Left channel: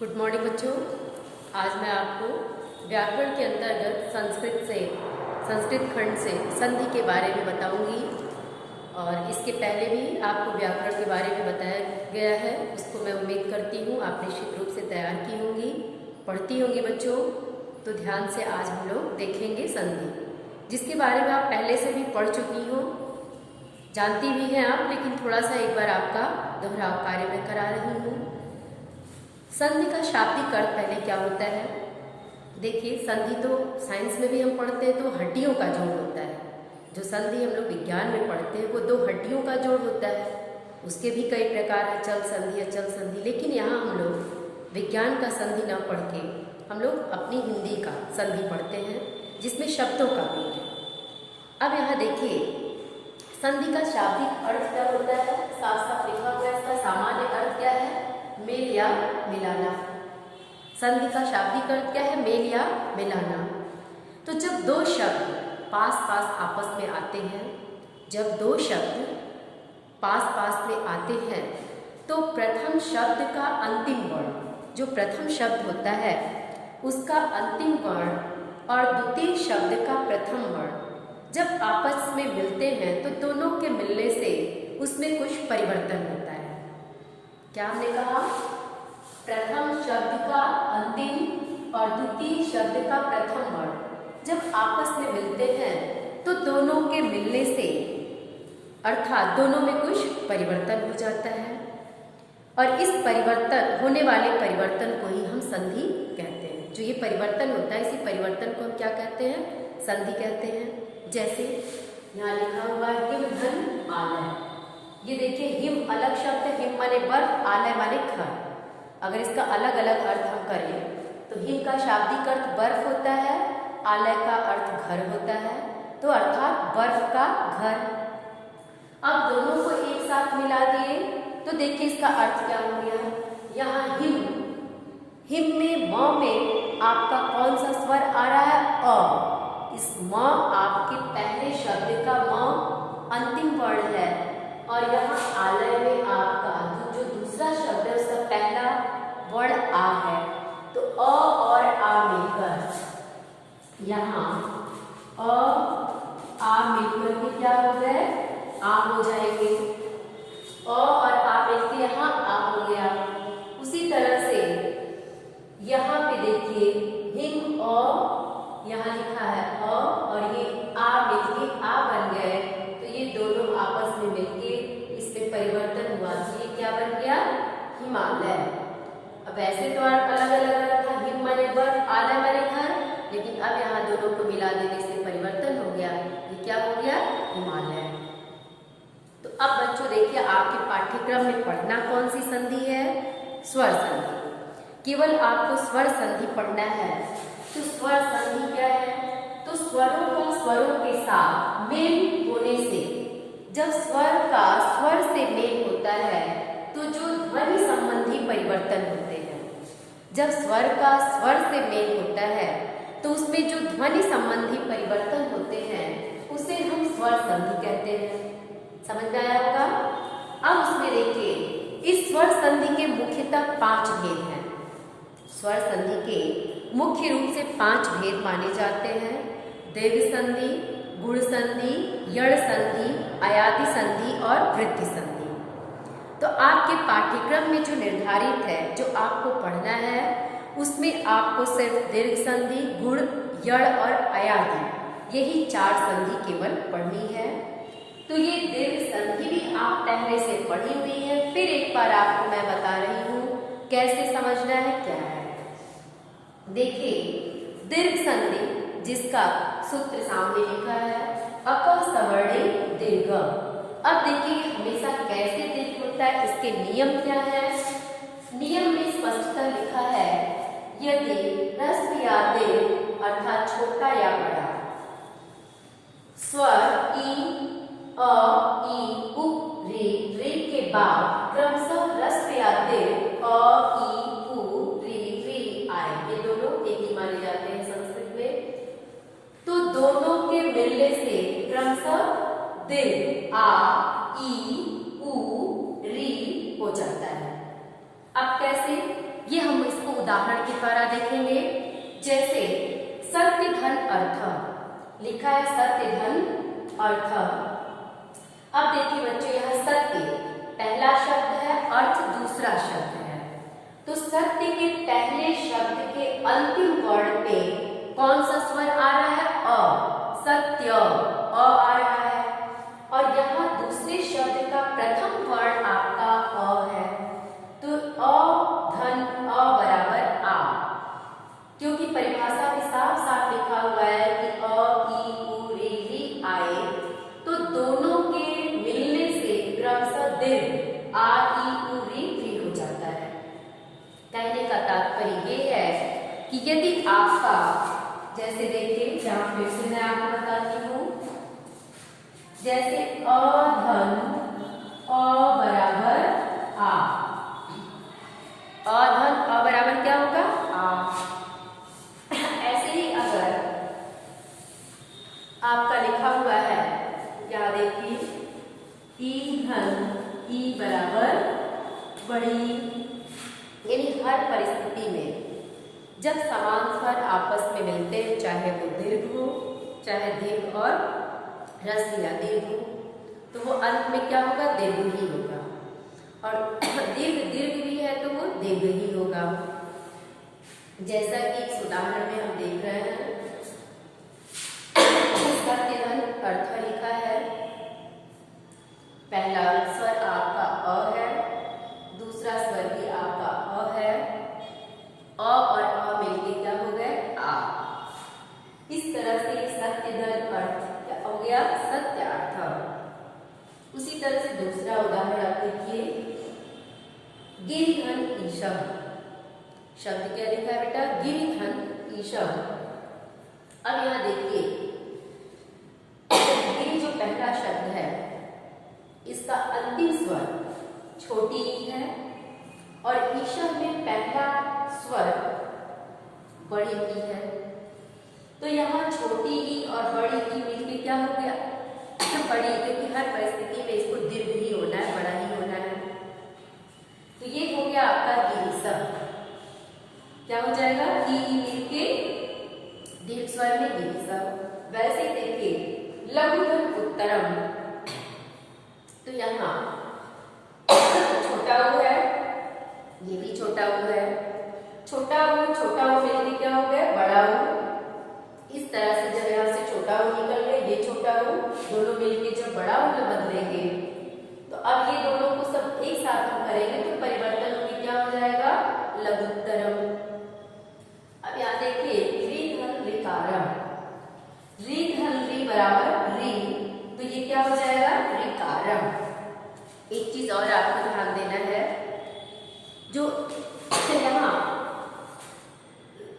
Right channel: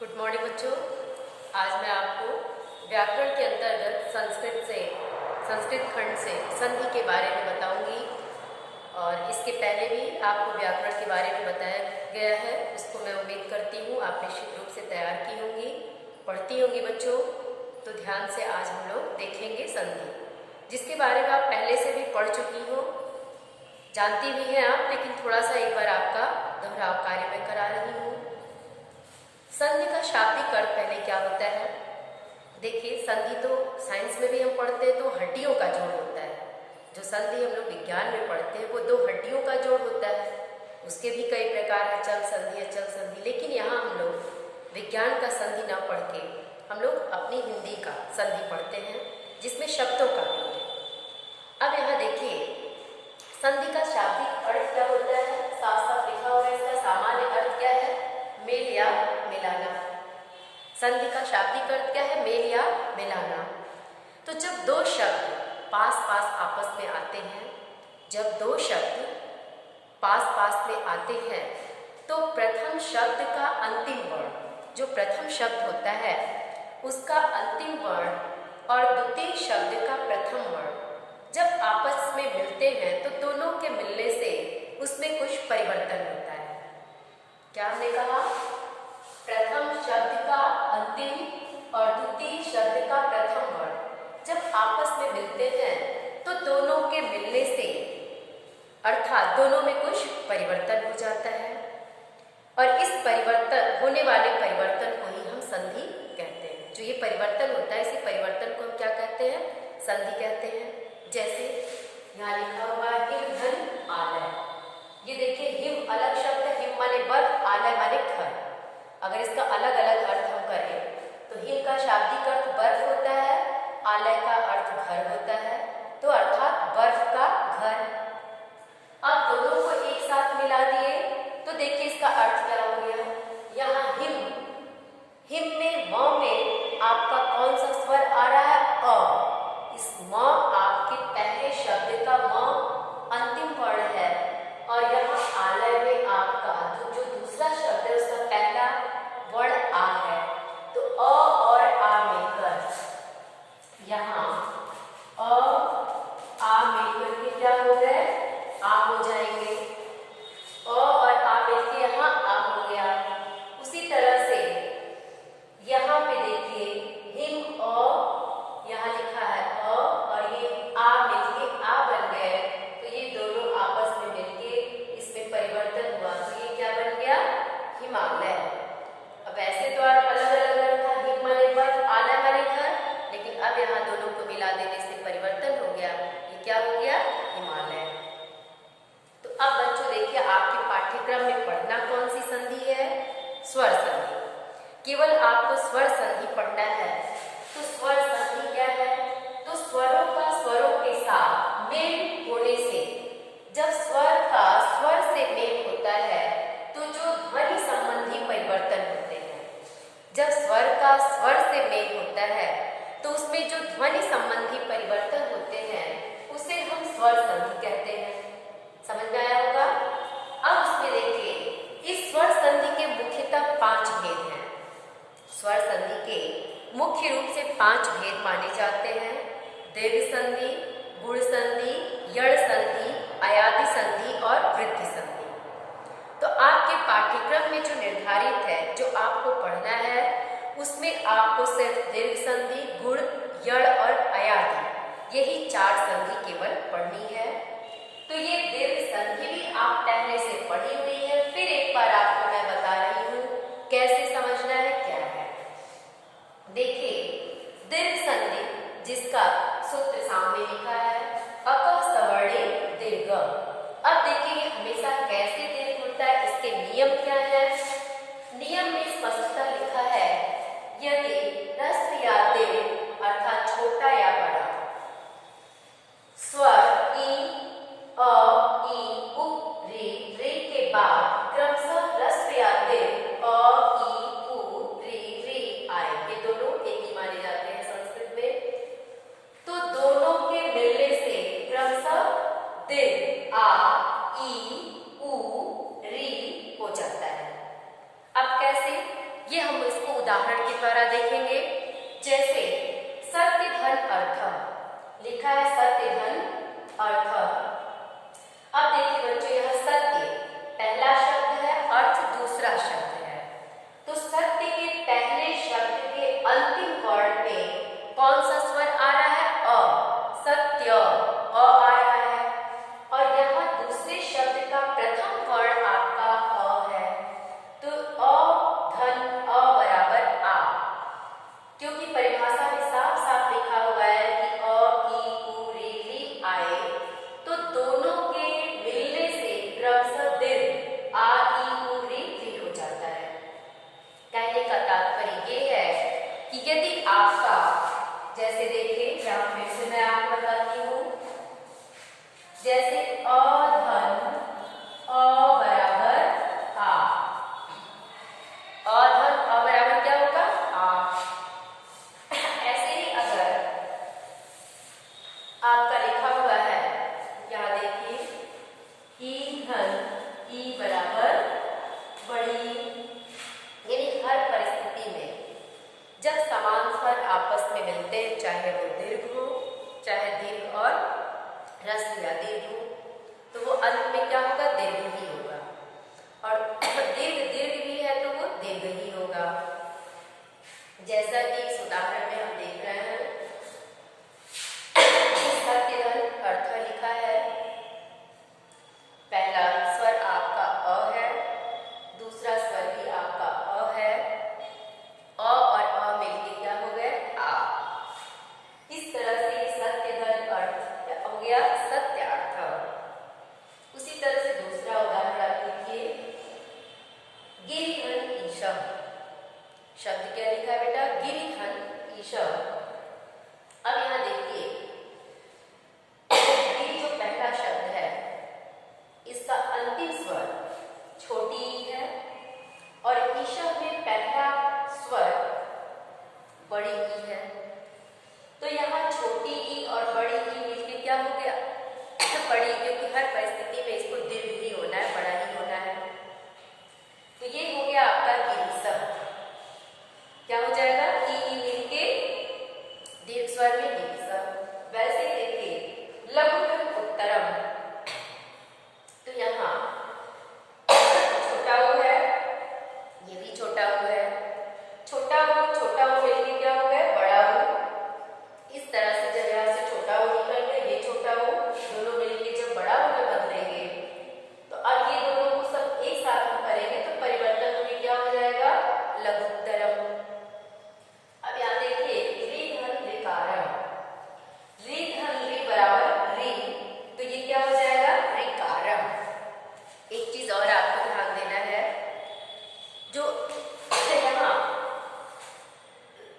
Good morning बच्चों। आज मैं आपको व्याकरण के अंतर्गत संस्कृत खंड से संधि के बारे में बताऊंगी। और इसके पहले भी आपको व्याकरण के बारे में बताया गया है, उसको मैं उम्मीद करती हूँ आप निश्चित रूप से तैयार की होंगी, पढ़ती होंगी बच्चों। तो ध्यान से आज हम लोग देखेंगे संधि, जिसके बारे में आप पहले से भी पढ़ चुकी हो, जानती भी हैं आप, लेकिन थोड़ा सा एक बार आपका दोहराव कार्य मैं करा रही हूँ। संधि का शाब्दिक अर्थ पहले क्या होता है? देखिए, संधि तो साइंस में भी हम पढ़ते हैं तो हड्डियों का जोड़ होता है। जो संधि हम लोग विज्ञान में पढ़ते हैं वो दो हड्डियों का जोड़ होता है। उसके भी कई प्रकार है, चल संधि, अचल संधि। लेकिन यहाँ हम लोग विज्ञान का संधि ना पढ़ के हम लोग अपनी हिंदी का संधि पढ़ते हैं, जिसमें शब्दों का भी है। अब यहाँ देखिए, संधि का शाब्दिक अर्थ क्या होता है? साफ साफ लिखा हुआ है, इसका सामान्य अर्थ क्या है? मेल या मिलाना। संधि का शाब्दिक अर्थ क्या है? मेल या मिलाना। तो जब दो शब्द पास पास आपस में आते हैं, जब दो शब्द पास पास में आते हैं, तो प्रथम शब्द का अंतिम वर्ण, जो प्रथम शब्द होता है उसका अंतिम वर्ण और द्वितीय शब्द का प्रथम वर्ण जब आपस में मिलते हैं तो दोनों के मिलने से उसमें कुछ परिवर्तन होता है। क्या हमने कहा? प्रथम शब्द का अंतिम और द्वितीय शब्द का प्रथम वर्ण जब आपस में मिलते हैं तो दोनों के मिलने से अर्थात दोनों में कुछ परिवर्तन हो जाता है, और इस परिवर्तन होने वाले परिवर्तन को ही हम संधि कहते हैं। जो ये परिवर्तन होता है, इसी परिवर्तन को हम क्या कहते हैं? संधि कहते हैं। जैसे यहाँ लिखा हुआ है हिम धन आलय। ये देखिए, हिम अलग शब्द है, हिम माने बर्फ, आलय माने घर। अगर इसका अलग अलग अर्थ हम करें तो हिम का शाब्दिक अर्थ बर्फ होता है, आलय का अर्थ घर होता है, तो अर्थात बर्फ का घर। अब दोनों को एक साथ मिला दिए तो देखिए इसका अर्थ क्या हो गया। यहाँ हिम में म में आपका कौन सा स्वर आ रहा है? अ। इस म आपके पहले शब्द का म अंतिम वर्ण है, और यहाँ आलय में आपका जो दूसरा शब्द है उसका पहला वर्ण आ है। तो अ और आ मिलकर यहाँ अ आ मिलकर के क्या हो गए? आ हो जाएंगे। अ और आ मिलकर यहाँ आ हो गया। उसी तरह से यहाँ पे देखिए, हिम अ, यहाँ लिखा है अ, और ये आ मिलके आ बन गए। तो ये दोनों आपस में मिलके इसमें परिवर्तन हुआ, तो ये क्या बन गया? हिमालय। अब ऐसे तो अलग अलग था, हिम माने बर्फ, आलय माने घर, लेकिन अब यहाँ दोनों को मिला देने से परिवर्तन हो गया। ये क्या हो गया? हिमालय। तो अब बच्चों देखिए, आपके पाठ्यक्रम में पढ़ना कौन सी संधि है? स्वर संधि। केवल आपको स्वर संधि पढ़ना है। तो स्वर संधि क्या है? तो स्वरों का स्वरों के साथ मेल होने से, जब स्वर का स्वर से मेल होता है तो जो ध्वनि संबंधी परिवर्तन होते हैं, जब स्वर का स्वर से मेल होता है तो उसमें जो ध्वनि संबंधी परिवर्तन होते हैं उसे हम स्वर संधि कहते हैं। समझ में आया होगा? अब उसमें देखिए, इस स्वर संधि के मुख्यतः 5 भेद हैं। स्वर संधि के मुख्य रूप से 5 भेद माने जाते हैं: दीर्घ संधि, गुण संधि, यड़ संधि, अयादि संधि और वृद्धि संधि। तो आपके पाठ्यक्रम में जो निर्धारित है, जो आपको पढ़ना है, उसमें आपको सिर्फ दीर्घ संधि, गुण, यड़ और अयादि, यही 4 संधि केवल पढ़नी है। तो ये दीर्घ संधि भी आप पहले से पढ़ी हुई है, फिर एक बार आपको मैं बता रही हूँ कैसे समझना है, क्या है। देखिए, दीर्घ संधि जिसका सूत्र सामने लिखा है, अक सवर्णे दीर्घ। अब देखिए हमेशा कैसे दीर्घ होता है, इसके नियम क्या है? नियम में स्पष्टता लिखा है, यदि ह्रस्व या दीर्घ अर्थात छोटा या बड़ा स्वर ई, अ, ई, उ, रे के बाद क्रमशः ह्रस्व या दीर्घ अ, ई, उ, रे आए, ये दोनों एक ही माने जाते हैं संस्कृत में। तो दोनों के मिलने से क्रमशः दीर्घ आ, ई, उ, री हो जाता है। अब कैसे? ये हम इसको उदाहरण के द्वारा देखेंगे। जैसे सत्य धन अर्थ लिखा है, सत्य धन अर्थ। अब देखिए बच्चों, यह सत्य पहला शब्द है, अर्थ दूसरा शब्द है। तो सत्य के पहले शब्द के अंतिम वर्ण में कौन सा स्वर आ रहा है? अ। सत्य, अ आ रहा है। और यहाँ दूसरे शब्द का प्रथम वर्ण आपका अ है। तो अ धन अ बराबर आ, क्योंकि परिभाषा में साफ साफ लिखा हुआ है कि अ, ई, उ, री आए, तो दोनों के मिलने से क्रमशः दीर्घ आ, ई, उ, री हो जाता है। कहने का तात्पर्य ये है कि यदि आपका, जैसे देखिए, जहां फिर से मैं आपको बताती हूँ, जैसे अधन अ बराबर आ, अधन अ बराबर क्या होगा? आ। ऐसे ही अगर आपका लिखा हुआ है, यहाँ देखिए, ई धन ई बराबर बड़ी, यानी हर परिस्थिति में जब समान स्वर आपस में मिलते हैं, चाहे वो दीर्घ हो, चाहे दीर्घ और ह्रस्व या दीर्घ हो, तो वो अंत में क्या होगा? दीर्घ ही होगा। और दीर्घ भी है तो वो दीर्घ ही होगा। जैसा कि इस उदाहरण में हम देख रहे हैं, सत्य धन अर्थ लिखा है, पहला स्वर आपका अ है, दूसरा स्वर भी आपका अ है, अ और अ मिलके क्या हो गए? आ। इस तरह से सत्य धन अर्थ हो गया सत्यार्थ। उसी तरह से दूसरा उदाहरण आप देखिए, गिरिघन ईशा। शब्द क्या लिखा है बेटा? गिरिघन ईशा। अब यहाँ देखिए, गिरि जो पहला शब्द है, इसका अंतिम स्वर छोटी ई है, और ईशा में पहला स्वर बड़ी ई है। तो यहाँ छोटी ई और बड़ी ई मिलकर क्या हो गया? बड़ी, क्योंकि हर परिस्थिति में इसको दीर्घ ही होना है, बड़ा ही होना है। तो ये हो गया आपका गिरिशा। क्या हो जाएगा? ई मिलके दीर्घ स्वर में गिरिशा। वैसे देखिए, लघुधन उत्तरम, तो यहाँ छोटा ऊ है, ये भी छोटा ऊ है, छोटा ऊ मिलके क्या हो गया? बड़ा ऊ। इस तरह से जब यहाँ से छोटा ऊ निकल गया, ये छोटा ऊ, दोनों मिलके जब बड़ा ऊ में बदलेंगे, तो अब ये दोनों को सब एक साथ हम करेंगे तो परिवर्तन होकर क्या हो जाएगा? लघुत्तरम। अब यहाँ देखिए, री धन ऋकारम, री धन री बराबर री, तो ये क्या हो जाएगा? ऋकारम। एक चीज और आपको ध्यान देना है, जो यहाँ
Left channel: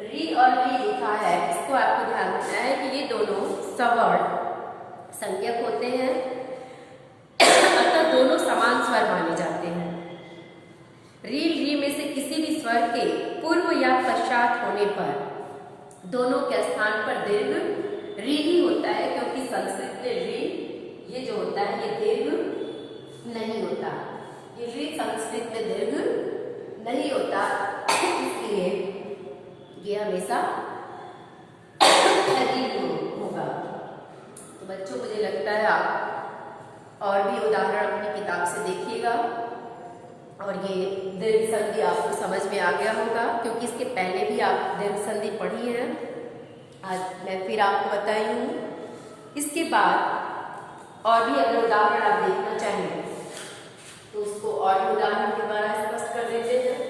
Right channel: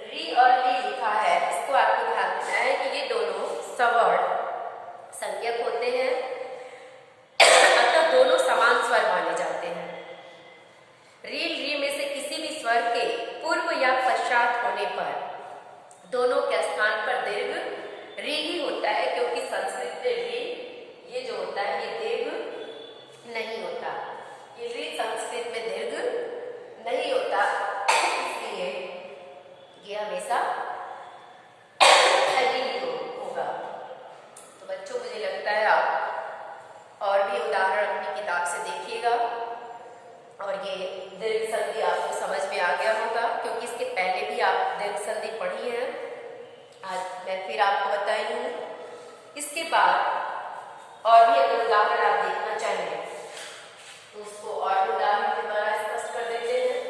री और री लिखा है, इसको आपको ध्यान देना है कि ये दोनों सवर्ण संज्ञक होते हैं, अतः दोनों समान स्वर माने जाते हैं। री में से किसी भी स्वर के पूर्व या पश्चात होने पर दोनों के स्थान पर दीर्घ री ही होता है, क्योंकि संस्कृत में री ये जो होता है ये दीर्घ नहीं होता, ये री संस्कृत में दीर्घ नहीं होता, इसलिए ये हमेशा होगा। तो बच्चों, मुझे लगता है आप और भी उदाहरण अपनी किताब से देखिएगा, और ये दीर्घ संधि आपको समझ में आ गया होगा, क्योंकि इसके पहले भी आप दीर्घ संधि पढ़ी है। आज मैं फिर आपको बताई हूँ। इसके बाद और भी अगर उदाहरण आप देखना चाहें तो उसको और उदाहरण के द्वारा स्पष्ट कर देते हैं।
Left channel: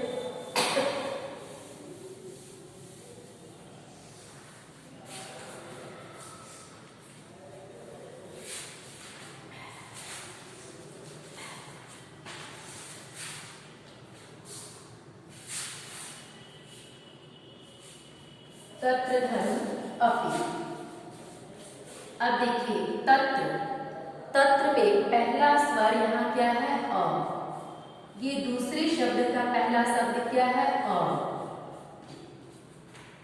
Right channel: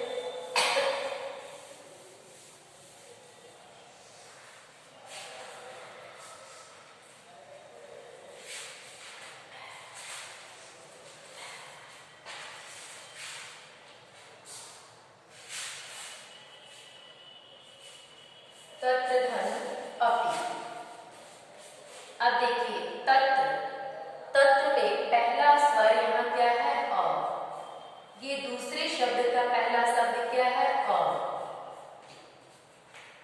तत्र धन अपि। अब देखिए, तत्र में पहला स्वर यहाँ क्या है? अ। ये दूसरे शब्द का पहला शब्द क्या है? अ।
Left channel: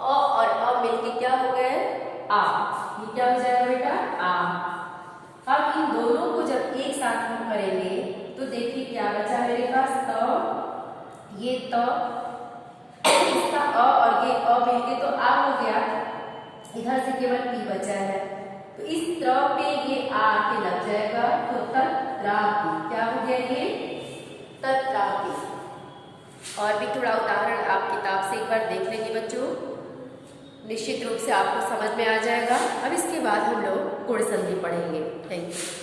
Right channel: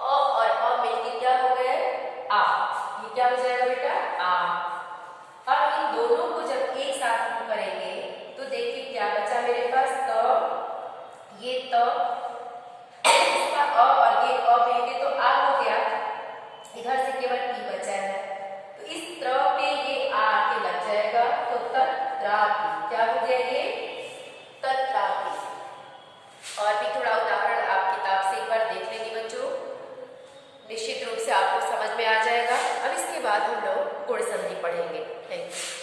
और अ मिलके क्या हो गए? आ। ये क्या हो जाएगा बेटा? आ। अब इन दोनों को जब एक साथ हम करेंगे तो देखिए क्या बचा मेरे पास? त, ये त, अ और ये अ मिलके तो आ हो गया, इधर से केवल पी बचा है, तो इस त्र पे ये आ के लग जाएगा, तो तत्रापि, क्या हो गया ये, तत्रापि। और भी थोड़ा उदाहरण आप किताब से एक बार देख लेंगे बच्चों, निश्चित रूप से आपको समझ में आ जाएगा। अब इसके बाद हम लोग गुण संधि पढ़ेंगे। Thank you.